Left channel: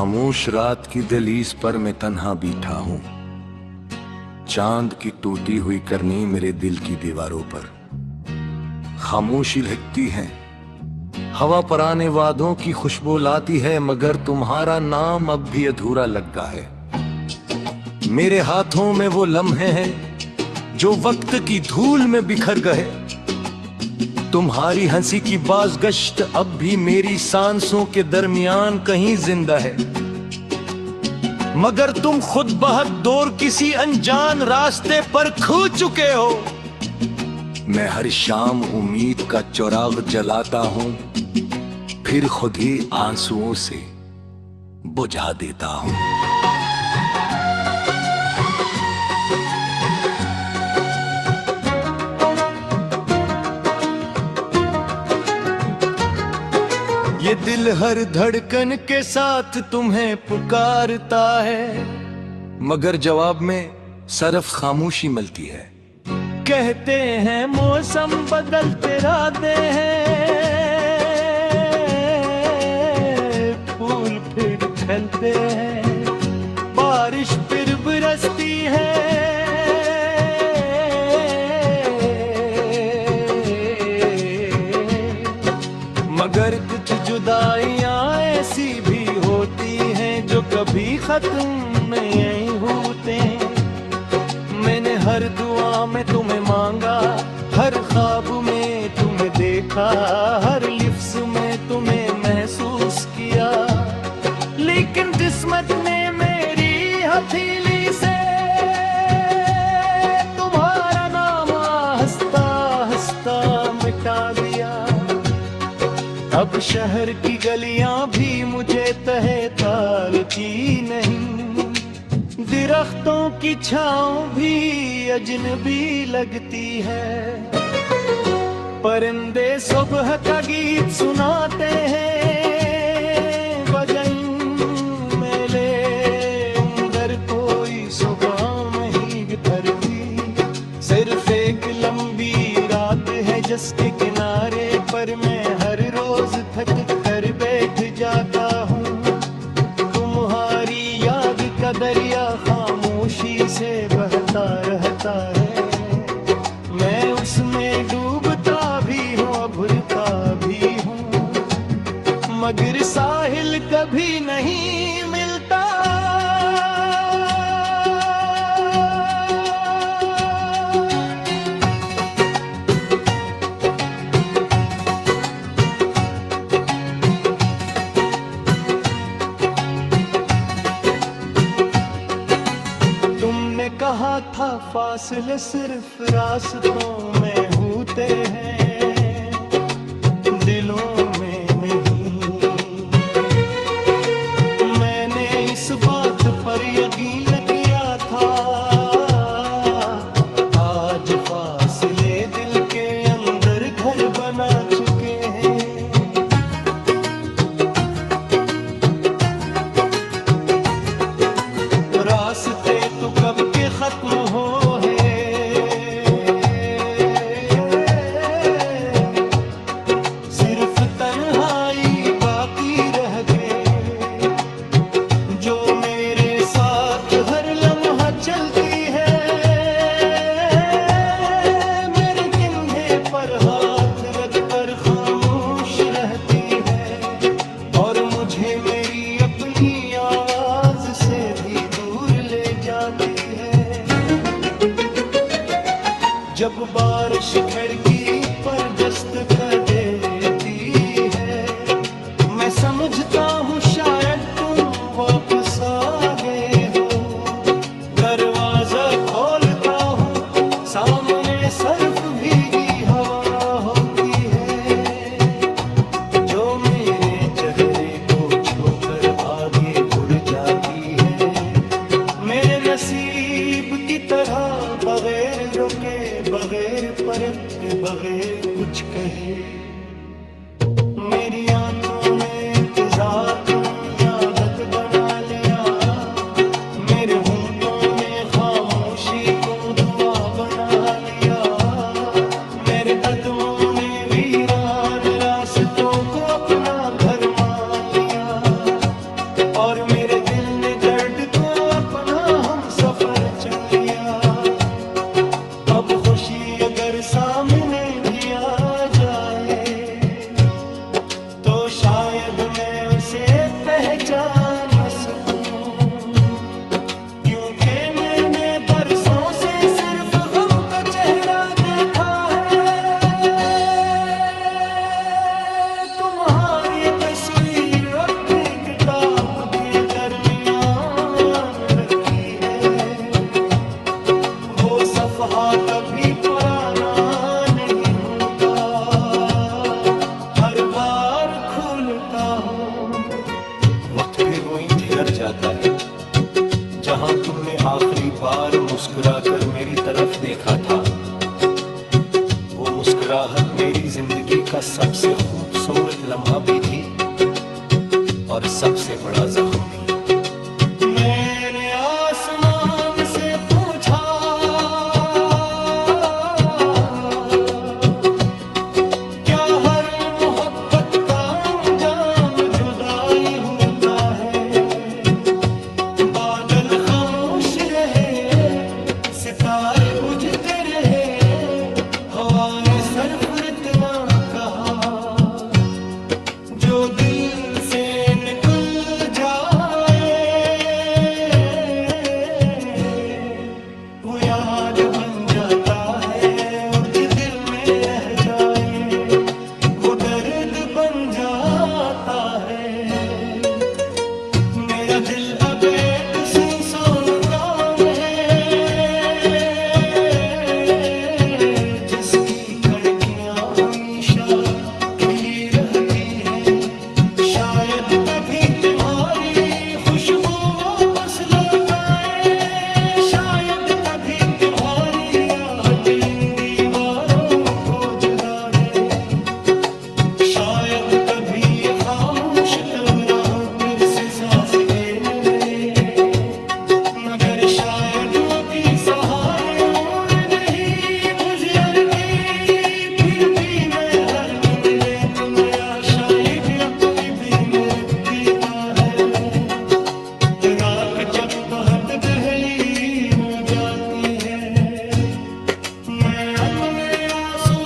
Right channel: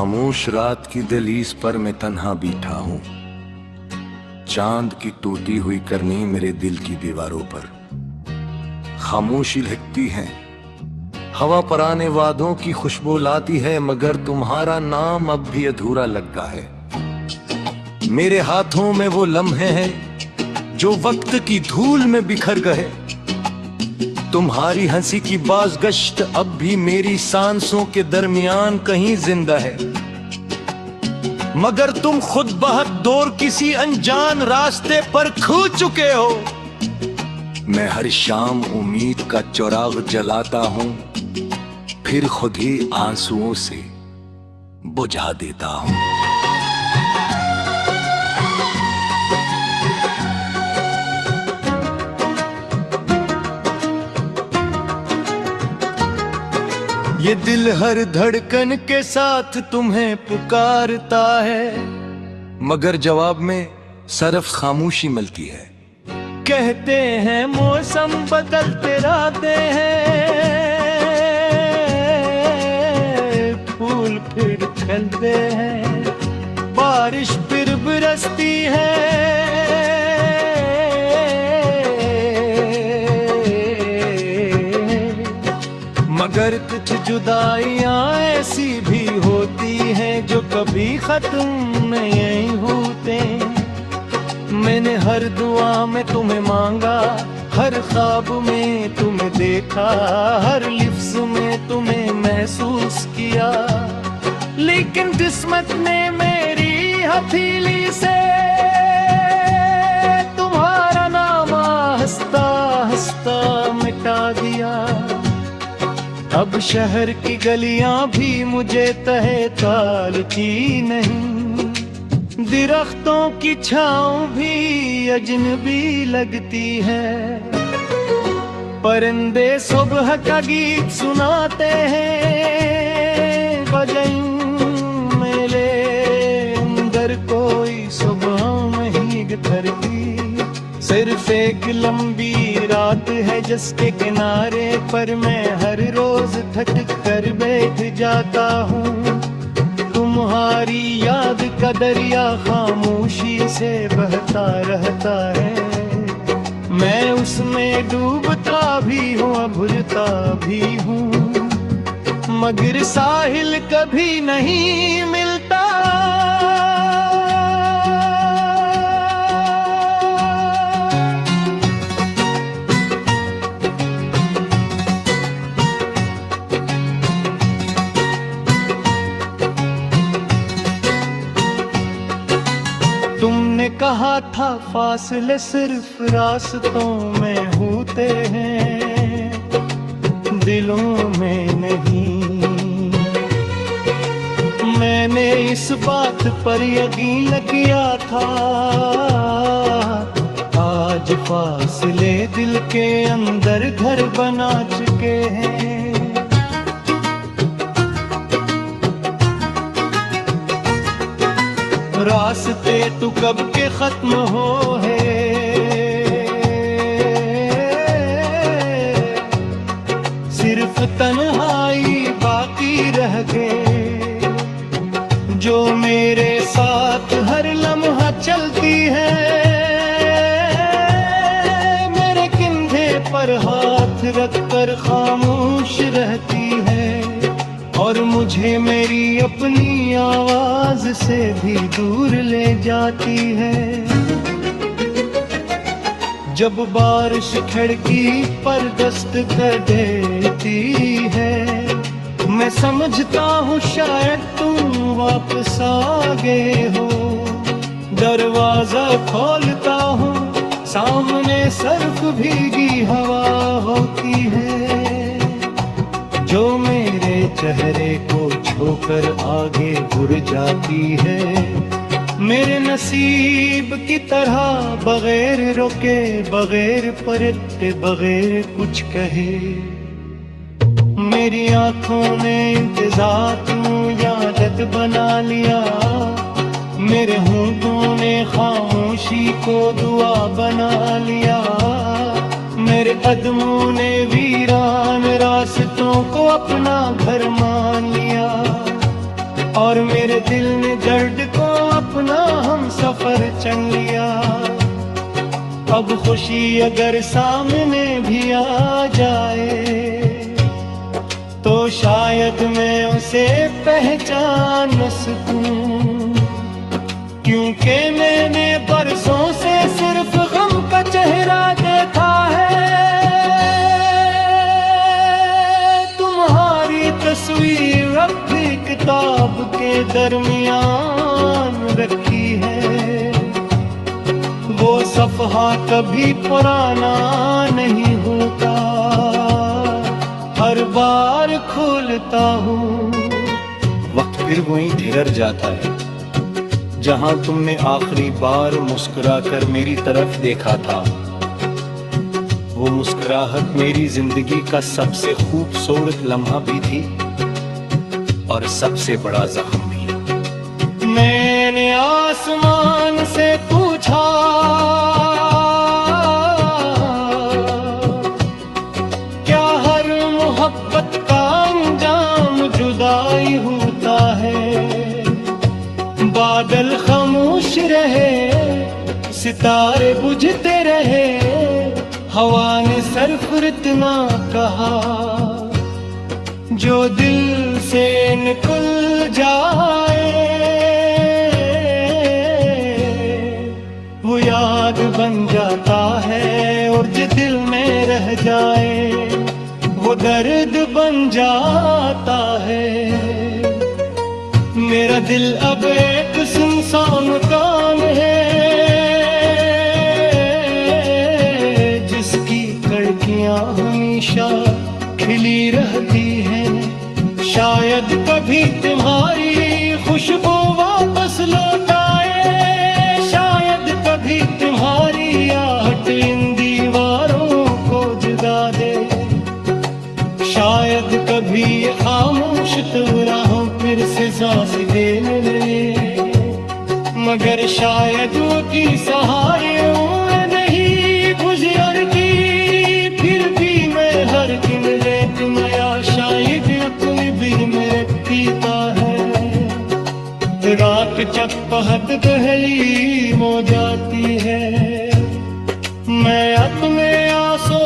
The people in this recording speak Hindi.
खामोश रात की दहलीज पर मैं तन्हा बैठा हूँ। चांद की टूटी हुई करनी मेरे दिल की दीवारों पर। खामोशी लहकती है, हवा पुराने वादों की खुशबू लाती है, मगर तुम्हारा नाम अब भी अधूरा लगता है। मेरे हाथों में वो लम्हे हैं जो वक्त की धूल में बिखर गए। तुम्हारी हंसी की बाज़गश्त अब भी मेरी सांसों के दरमियान कहीं जिंदा है, मगर तुम खुद बहक किसी अनजान रास्ते पर खो चुके हो। मैं हर शाम उम्मीद का चिराग जलाता हूं, फिर खुद ही आंसुओं से बुझा देता हूं। ये दिल हर धड़कन के साथ तुम्हें पुकारता है, मगर जवाब में सिर्फ खामोशी मिलती है। कहते हैं मौसम बदलते रहते हैं, फूल फिर खिलते हैं, बारिश फिर बरसती है, मगर कुछ जुदाइयां ऐसी भी होती हैं जो कभी खत्म नहीं होते। मैंने हर दुआ में तुम्हें मांगा, हर ख्वाब में तुम्हें देखा, हर लिफ्ज़ में तुम्हें महसूस किया, लेकिन किस्मत ने मेरी हथेली से तुम्हारा नाम हंसता हंसता मिटा दिया। अब शहर की गलियां भी मुझे तहे तालती नहीं, दरख्तों की छांव भी अजनबी लगती है। परिंदे सुबह का गीत सुनाते हैं, बजाई मेले अंदर कोई सुबह नहीं गुजरती। सिर्फ एक लंबी रात है जिसके किनारे पर मैं हर रोज थक कर बैठ जाता हूँ। तुम्हारी याद का दरिया खामोशी से बहता रहता है, मैं उसमें डूबता भी हूँ अभुरता भी हूँ, मगर साहिल कभी नहीं मिलता। तुमने कहा था फासले सिर्फ रास्तों में होते हैं, दिलों में नहीं। मैंने इस बात पर यकीन किया था, आज फासले दिल के अंदर घर बना चुके हैं। रास्ते तो कब के खत्म हो है, सिर्फ तन्हाई बाकी रह गए, जो मेरे साथ हर लम्हा चलती है। मेरे कंधे पर हाथ रखकर खामोश रहती है, और मुझे मेरी अपनी आवाज से भी दूर ले जाती है। जब बारिश खिड़की पर दस्त कर देती है, मैं समझता हूँ शायद तुम वापस आ गए हो। दरवाजा खोलता हूँ, सामने सिर्फ भीगी हवा होती है, जो मेरे चेहरे को छोकर आगे बढ़ जाती है। मेरे नसीब की तरह बगैर रोके, बगैर परते, बगैर कुछ कहे, मेरी आंखों ने इंतजार की आदत बना लिया। मेरे होंठों ने खामोशी को दुआ बना लिया। मेरे कदमों ने वीरान रास्तों को अपना घर मान लिया। और मेरे दिल ने दर्द को अपना हम सफर चुन लिया। अब खुशी अगर सामने भी आ जाए तो शायद मैं उसे पहचान सकूं, क्योंकि मैंने बरसों से सिर्फ गम का चेहरा देखा है। तुम्हारी तस्वीर अब भी किताब के दरमियान रखी है। वो सफ़हा कभी पुराना नहीं होता, हर बार खोलता हूँ। वक्त फिर वहीं ठहर जाता है जहां तुमने आखिरी बार मुस्कुराकर मेरी तरफ देखा था। वो मुस्कुराहट मेरी जिंदगी का सबसे खूबसूरत लम्हा भी थी और सबसे बड़ा जख्म भी। मैंने आसमान से पूछा, क्या हर मोहब्बत का अंजाम जुदाई होता है? बादल खामोश रहे, सितारे बुझते रहे, हवा ने सिर्फ इतना कहा, जो दिल से निकल जाए वो याद बन जाता है, और जो दिल में रह जाए वो दर्द बन जाता है। मेरा दिल अब एक सुनसान मकान है, जिसकी खिड़कियां हमेशा खिली रहती हैं। शायद कभी तुम्हारी खुशबू वापस लौट आए, शायद कभी तुम्हारी आहट इन दीवारों को जगा दे, शायद कभी ये खामोश तराहों फिर से सांस देने लगे। मगर शायद वो की सहारे हुए नहीं बुझियर की, फिर भी मैं हर किन रेत माया शायद अपनी भी मेरे पीता है। रात चपहत दहली हो जाती है, मैं अपने आंसू